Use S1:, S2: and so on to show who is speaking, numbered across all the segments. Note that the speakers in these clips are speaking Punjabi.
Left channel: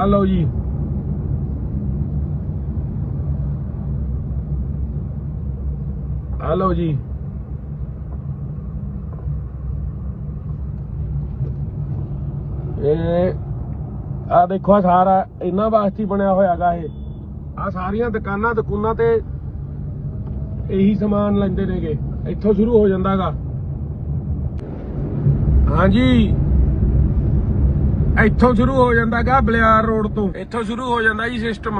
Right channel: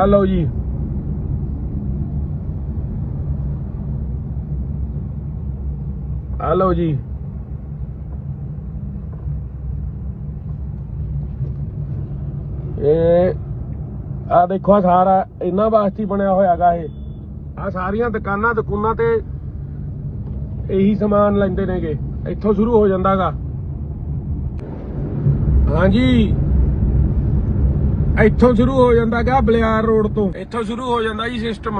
S1: ਆ ਲਓ ਜੀ ਆ ਲਓ ਜੀ ਇਹ ਆ ਦੇਖੋ ਸਾਰਾ ਇਹਨਾਂ ਵਾਸਤੇ ਹੀ ਬਣਿਆ ਹੋਇਆਗਾ ਇਹ। ਆ ਸਾਰੀਆਂ ਦੁਕਾਨਾਂ ਦੁਕਾਨਾਂ ਤੇ ਇਹੀ ਸਮਾਨ ਲੈਂਦੇ ਨੇਗੇ। ਇੱਥੋਂ ਸ਼ੁਰੂ ਹੋ ਜਾਂਦਾਗਾ ਹਾਂਜੀ। ਇੱਥੋਂ ਸ਼ੁਰੂ ਹੋ ਜਾਂਦਾਗਾ ਬਲਿਆਰ ਰੋਡ ਤੋਂ। ਇੱਥੋਂ ਸ਼ੁਰੂ ਹੋ ਜਾਂਦਾ ਜੀ ਸਿਸਟਮ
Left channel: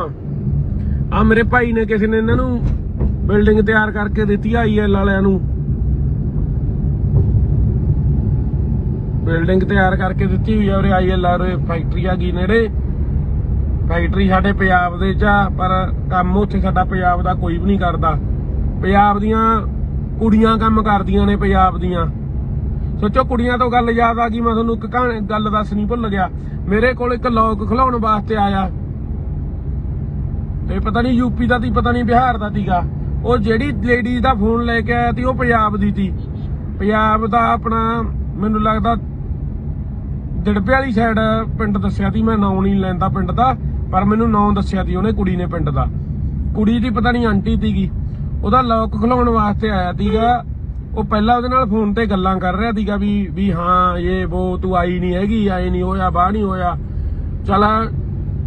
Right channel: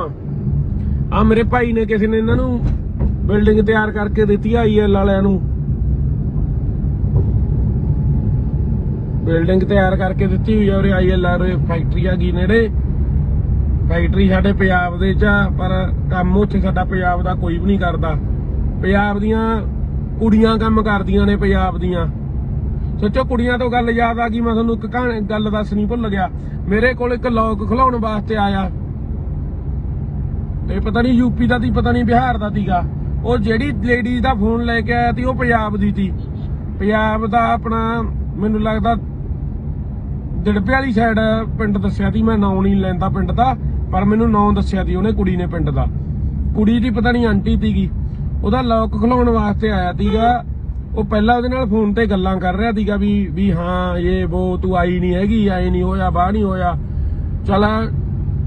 S1: ਆ ਮੇਰੇ ਭਾਈ ਨੇ ਕਿਸੇ ਨੇ ਇਹਨਾਂ ਨੂੰ ਬਿਲਡਿੰਗ ਤਿਆਰ ਕਰਕੇ ਦਿੱਤੀ ਆਈਐਲ ਵਾਲਿਆਂ ਨੂੰ। ਬਿਲਡਿੰਗ ਤਿਆਰ ਕਰਕੇ ਦਿੱਤੀ ਹੋਈ ਹੈ ਉਰੇ ਆਈਐਲ ਵਾਲੇ ਫੈਕਟਰੀ ਆ ਜੀ ਨੇੜੇ। ਫੈਕਟਰੀ ਸਾਡੇ ਪੰਜਾਬ ਦੇ ਚ ਪਰ ਕੰਮ ਉੱਥੇ ਸਾਡਾ ਪੰਜਾਬ ਦਾ ਕੋਈ ਵੀ ਨਹੀਂ ਕਰਦਾ। ਪੰਜਾਬ ਦੀਆਂ ਕੁੜੀਆਂ ਕੰਮ ਕਰਦੀਆਂ ਨੇ ਪੰਜਾਬ ਦੀਆਂ। ਸੋਚੋ ਕੁੜੀਆਂ ਤੋਂ ਗੱਲ ਯਾਦ ਆ ਗਈ, ਮੈਂ ਤੁਹਾਨੂੰ ਇੱਕ ਕਹਾਣੀ ਗੱਲ ਦੱਸਣੀ ਭੁੱਲ ਗਿਆ। ਮੇਰੇ ਕੋਲ ਇੱਕ ਲੋਕ ਖਿਲਾਉਣ ਵਾਸਤੇ ਆਇਆ। ਤੇ ਪਤਾ ਨਹੀਂ ਯੂਪੀ ਦਾ ਤੀ ਪਤਾ ਨਹੀਂ ਬਿਹਾਰ ਦਾ ਤੀਗਾ ਉਹ ਜਿਹੜੀ ਲੇਡੀ ਦਾ ਫੋਨ ਲੈ ਕੇ ਆਇਆ ਤੀ ਉਹ ਪੰਜਾਬ ਦੀ ਤੀ ਪੰਜਾਬ ਦਾ ਆਪਣਾ, ਮੈਨੂੰ ਲੱਗਦਾ ਜੜਪੇ ਵਾਲੀ ਸਾਈਡ ਪਿੰਡ ਦੱਸਿਆ ਤੀ ਮੈਂ ਨਾਂ ਨਹੀਂ ਲੈਂਦਾ ਪਿੰਡ ਦਾ, ਪਰ ਮੈਨੂੰ ਨਾਂ ਦੱਸਿਆ ਤੀ ਉਹਨੇ ਕੁੜੀ ਨੇ ਪਿੰਡ ਦਾ। ਕੁੜੀ ਦੀ ਪਤਾ ਨਹੀਂ ਆਂਟੀ ਤੀਗੀ ਉਹਦਾ ਲੋਕ ਖਲਾਉਣ ਵਾਸਤੇ ਆਇਆ ਤੀਗਾ ਉਹ ਪਹਿਲਾਂ ਉਹਦੇ ਨਾਲ ਫੋਨ ਤੇ ਗੱਲਾਂ ਕਰ ਰਿਹਾ ਸੀਗਾ ਵੀ ਵੀ ਹਾਂ, ਇਹ ਉਹ ਤੂੰ ਆਈ ਨਹੀਂ ਹੈਗੀ ਆਈ ਨਹੀਂ ਹੋਇਆ, ਬਾਹ ਨਹੀਂ ਹੋਇਆ। ਚਲ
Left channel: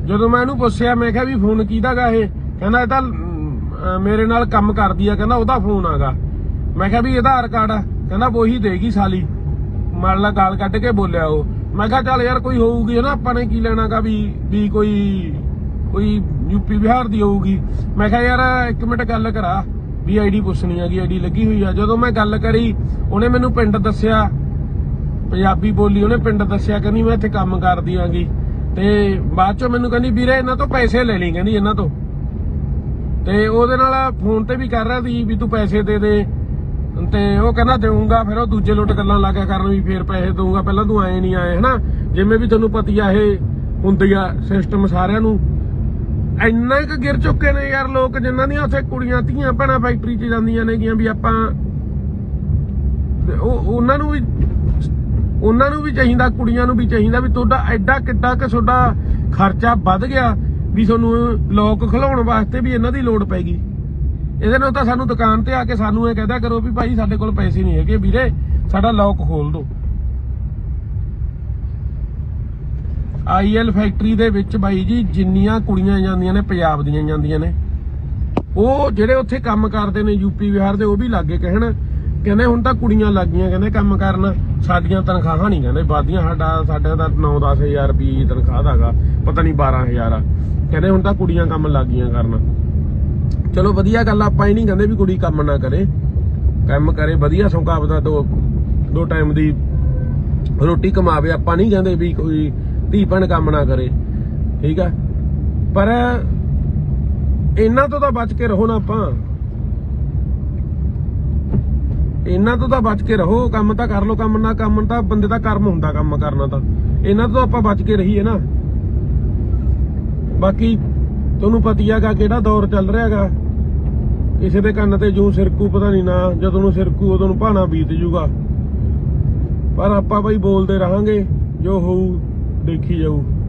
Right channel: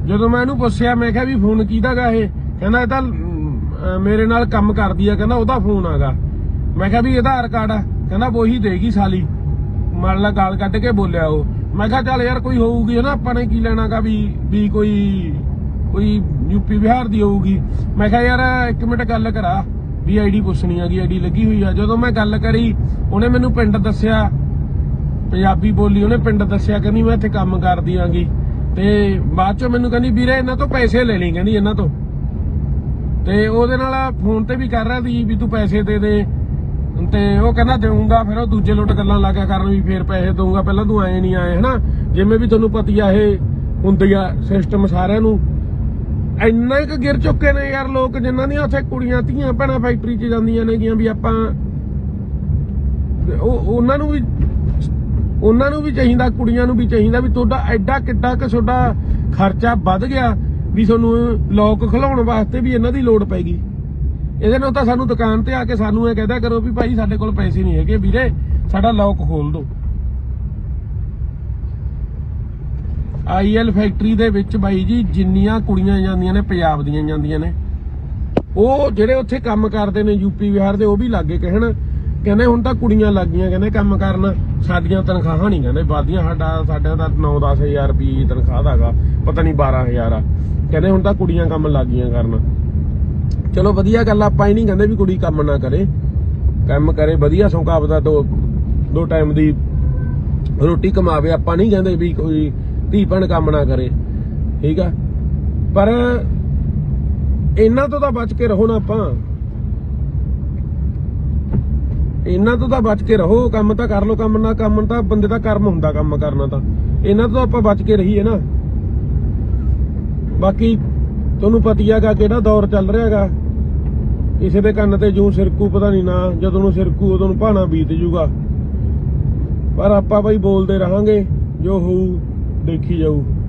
S1: ਜਦੋਂ ਮੈਂ ਇਹਨੂੰ ਪੁੱਛਿਆ, ਮੈਂ ਕਿਹਾ ਵੀ ਫੋਨ ਕਿਹਦਾ ਗਾ ਇਹ? ਕਹਿੰਦਾ ਇਹ ਤਾਂ ਮੇਰੇ ਨਾਲ ਕੰਮ ਕਰਦੀ ਆ, ਕਹਿੰਦਾ ਉਹਦਾ ਫੋਨ ਆਗਾ ਮੈਂ ਕਿਹਾ ਵੀ ਆਧਾਰ ਕਾਰਡ ਆ। ਕਹਿੰਦਾ ਉਹੀ ਦੇਗੀ ਸਾਲੀ। ਮਨ ਨਾਲ ਗਾਲ ਕੱਢ ਕੇ ਬੋਲਿਆ ਉਹ। ਮੈਂ ਕਿਹਾ ਚੱਲ ਯਾਰ ਕੋਈ ਹੋਊਗੀ ਨਾ, ਆਪਾਂ ਨੇ ਕੀ ਲੈਣਾਗਾ ਵੀ ਵੀ ਕੋਈ ਕੋਈ ਯੂਪੀ ਬਿਹਾਰ ਦੀ ਹੋਊਗੀ। ਮੈਂ ਕਿਹਾ ਯਾਰ ਇੱਕ ਮਿੰਟ ਗੱਲ ਕਰਾ। ਵੀ ਆਈਡੀ ਪੁੱਛਣੀ ਆ ਆਈਡੀ ਲੱਗੀ ਹੋਈ ਆ। ਜਦੋਂ ਮੈਂ ਗੱਲ ਕਰੀ, ਉਹਨੇ ਮੈਨੂੰ ਪਿੰਡ ਦੱਸਿਆ, ਪੰਜਾਬੀ ਬੋਲੀ, ਉਹਨੇ ਪਿੰਡ ਦੱਸਿਆ, ਕਹਿੰਦੀ ਮੈਂ ਇੱਥੇ ਕੰਮ ਕਰਦੀ ਆਂਗੀ। ਤੇ ਬਾਅਦ ਚੋਂ ਮੈਨੂੰ ਕਹਿੰਦੀ, ਵੀਰੇ, ਇਹਨਾਂ ਤੋਂ ਪੈਸੇ ਲੈ ਲਈ, ਕਹਿੰਦੀ ਇਹਨਾਂ ਤੋਂ। ਤੇ ਉਹਦੇ ਨਾਲ ਫੋਨ ਤੇ ਵੀ ਕਰ ਰਿਹਾ ਸੀ ਵੀ ਤੂੰ ਪੈਸੇ ਦੇ ਦੇ। ਤੇ ਉਹ ਕਹਿੰਦਾ, ਦੇਊਂਗਾ, ਫਿਰ ਉਹ ਦੂਜੇ ਲੁੱਟ ਗੱਲਾਂ ਲੱਗਾ ਕਰਨ ਵੀ ਫੇਰ ਪੈਸੇ ਦਊਂਗਾ। ਪਹਿਲਾਂ ਤੂੰ ਆਏ ਨਹੀਂ ਆਏ ਹਨਾ? ਜਿਵੇਂ ਵੀ ਤੁਹਾਨੂੰ ਪਤੀ ਆ ਇਹ ਹੁੰਦੀ ਆ ਸਿਸਟਮ ਸਾਰਿਆਂ ਨੂੰ। ਇੰਨਾ ਕੁ ਗਿਰ ਚੁੱਕੇ ਨੇ ਯਾਰ ਲੋਕ ਜਿਨ੍ਹਾਂ ਦੀਆਂ ਉੱਥੇ ਕੁੜੀਆਂ, ਧੀਆਂ, ਭੈਣਾਂ ਫੈਕਟਰੀ 'ਚ ਜਾਂਦੀਆਂ ਨੇਗੀਆਂ ਵੀ ਆਪਾਂ ਉਹ ਉਹਨਾਂ ਨੂੰ ਵੀ, ਉਹਨਾਂ ਨੂੰ ਵੀ ਚਾਹੀਦਾ, ਕੁੜੀਆਂ ਨੂੰ ਵੀ ਚਾਹੀਦਾ ਵੀ ਤੁਹਾਡਾ ਐਡਾ ਕਿੱਡਾ ਕਿ ਤੁਹਾਡਾ ਖਰਚਾ ਵੱਧ ਗਿਆ ਵੀ ਤੁਹਾਨੂੰ ਲੋਕ ਖਿਲਾਉਣ ਵਾਸਤੇ ਵੀ ਇਹਨਾਂ ਦੀ ਲੋੜ ਪੈਗੀ ਇਹਦੇ ਨਾਲ ਤਾਂ ਸਾਨੂੰ ਦੁਕਾਨ ਤੇ ਆ ਕੇ ਸਾਨੂੰ ਇਹ ਕਹਦਿਆ ਕਰੋ ਵੀ ਭਾਈ ਸਾਡੇ ਕੋਲ ਪੈਸੇ ਨਹੀਂ ਹੈਗੇ ਵੀਰੇ, ਸਾਡਾ ਲੋਕ ਖੋਲ ਦਿਓ। ਆਈਐਲ ਫੈਕਟਰੀ ਦੇ ਵਿੱਚ ਬਾਈ ਜੀ, ਜਿੰਨੀਆਂ ਕੁੜੀਆਂ ਜਾਂਦੀਆਂ ਨੇ, ਪੰਜਾਬ ਦੀਆਂ ਜਾਂਦੀਆਂ ਨੇ। ਉਹ ਜਿਹੜੇ ਉੱਥੇ ਕੰਮ ਕਰਦੇ ਨੇ ਯੂਪੀ ਬਿਹਾਰ ਦੇ, ਉਹ ਵੀ ਲੱਗੇ ਕਹਿਣ। ਕਹਿੰਦੇ ਹੁਣ ਤਾਂ ਕੁੜੀਆਂ ਲੱਗ ਗਈਆਂ ਕਹਿੰਦੇ ਕੰਮ ਕਰਨ। ਸਾਡੀਆਂ ਤਨਖਾਹਾਂ ਨਹੀਂ, ਕਹਿੰਦੇ ਬਾਦੀਆਂ ਸਾਡਾ ਸਾਡਾ ਤਾਂ 9-10000 ਰੁਪਏ ਦੀ ਤਨਖਾਹ ਦਾਗਾ ਪਤਾ ਨਹੀਂ 12000 ਆ। ਕਹਿੰਦੇ ਹੁਣ ਤਾਂ ਕੁੜੀਆਂ ਕੰਮ ਲੱਗ ਗਈਆਂ ਕਰਨ। ਚਲੋ ਵਧੀਆ ਗੱਲ ਆਪਾਂ ਹੀ ਨਹੀਂ ਕਹਿੰਦੇ ਵੀ ਕੁੜੀ ਕੰਮ ਨਾ ਕਰੇ। ਕੰਮ ਕਰੇ, ਵਧੀਆ ਸੌਂਕਾ ਆਪਦਾ ਦੋ ਦੋ ਟਾਈਮ ਦੀ ਰੋਟੀ ਕਮਾਵੇ। ਆਪਾਂ ਨਹੀਂ ਕਹਿੰਦੇ ਵੀ ਕੋਈ ਧੀ ਭੈਣ ਕੰਮ ਨਾ ਕਰੇ, ਠੀਕ ਆ? ਪਰ ਇਹਨਾਂ ਤੋਂ ਤਾਂ ਬਚ ਕੇ ਰਹੋ ਨਾ ਆਪਾਂ। ਇਹਨਾਂ ਤੋਂ ਤਾਂ ਬਚ ਕੇ ਰਹੋ, ਕੰਮ ਤਾਂ ਕਰ ਲੋ ਕੰਮ ਨਾ ਕੰਮ ਤਾਂ ਬੰਦੇ ਦਾ ਕਰਮ ਹੁੰਦਾ, ਕੰਮ ਕਰਨਾ ਤਾਂ। ਇਹਨਾਂ ਤੋਂ ਆਪਾਂ ਬਚ ਕੇ ਰਹੀਏ ਨਾ। ਬਾਕੀ ਤੁਹਾਨੂੰ ਪਤਾ ਹੈਗਾ ਕਿਹੜਾ ਦੌਰ ਚੱਲ ਰਿਹਾ ਹੈਗਾ ਕਿਸੇ ਦੇ ਕੰਨ ਤੇ ਜੋ ਸਿਰਕੂ ਪਤਾ ਨਹੀਂ ਨਾ, ਜਦੋਂ ਨੂੰ ਸਿਰਕੂ ਉਦੋਂ ਨੂੰ ਭਾਣਾ ਬੀਤ ਜੂਗਾ। ਪਰ ਆਪਾਂ ਬਈ ਬੋਲਦੇ ਰਹਾਂਗੇ, ਜੋ ਹੋਊ ਦੇਖੀ ਜਾਊ।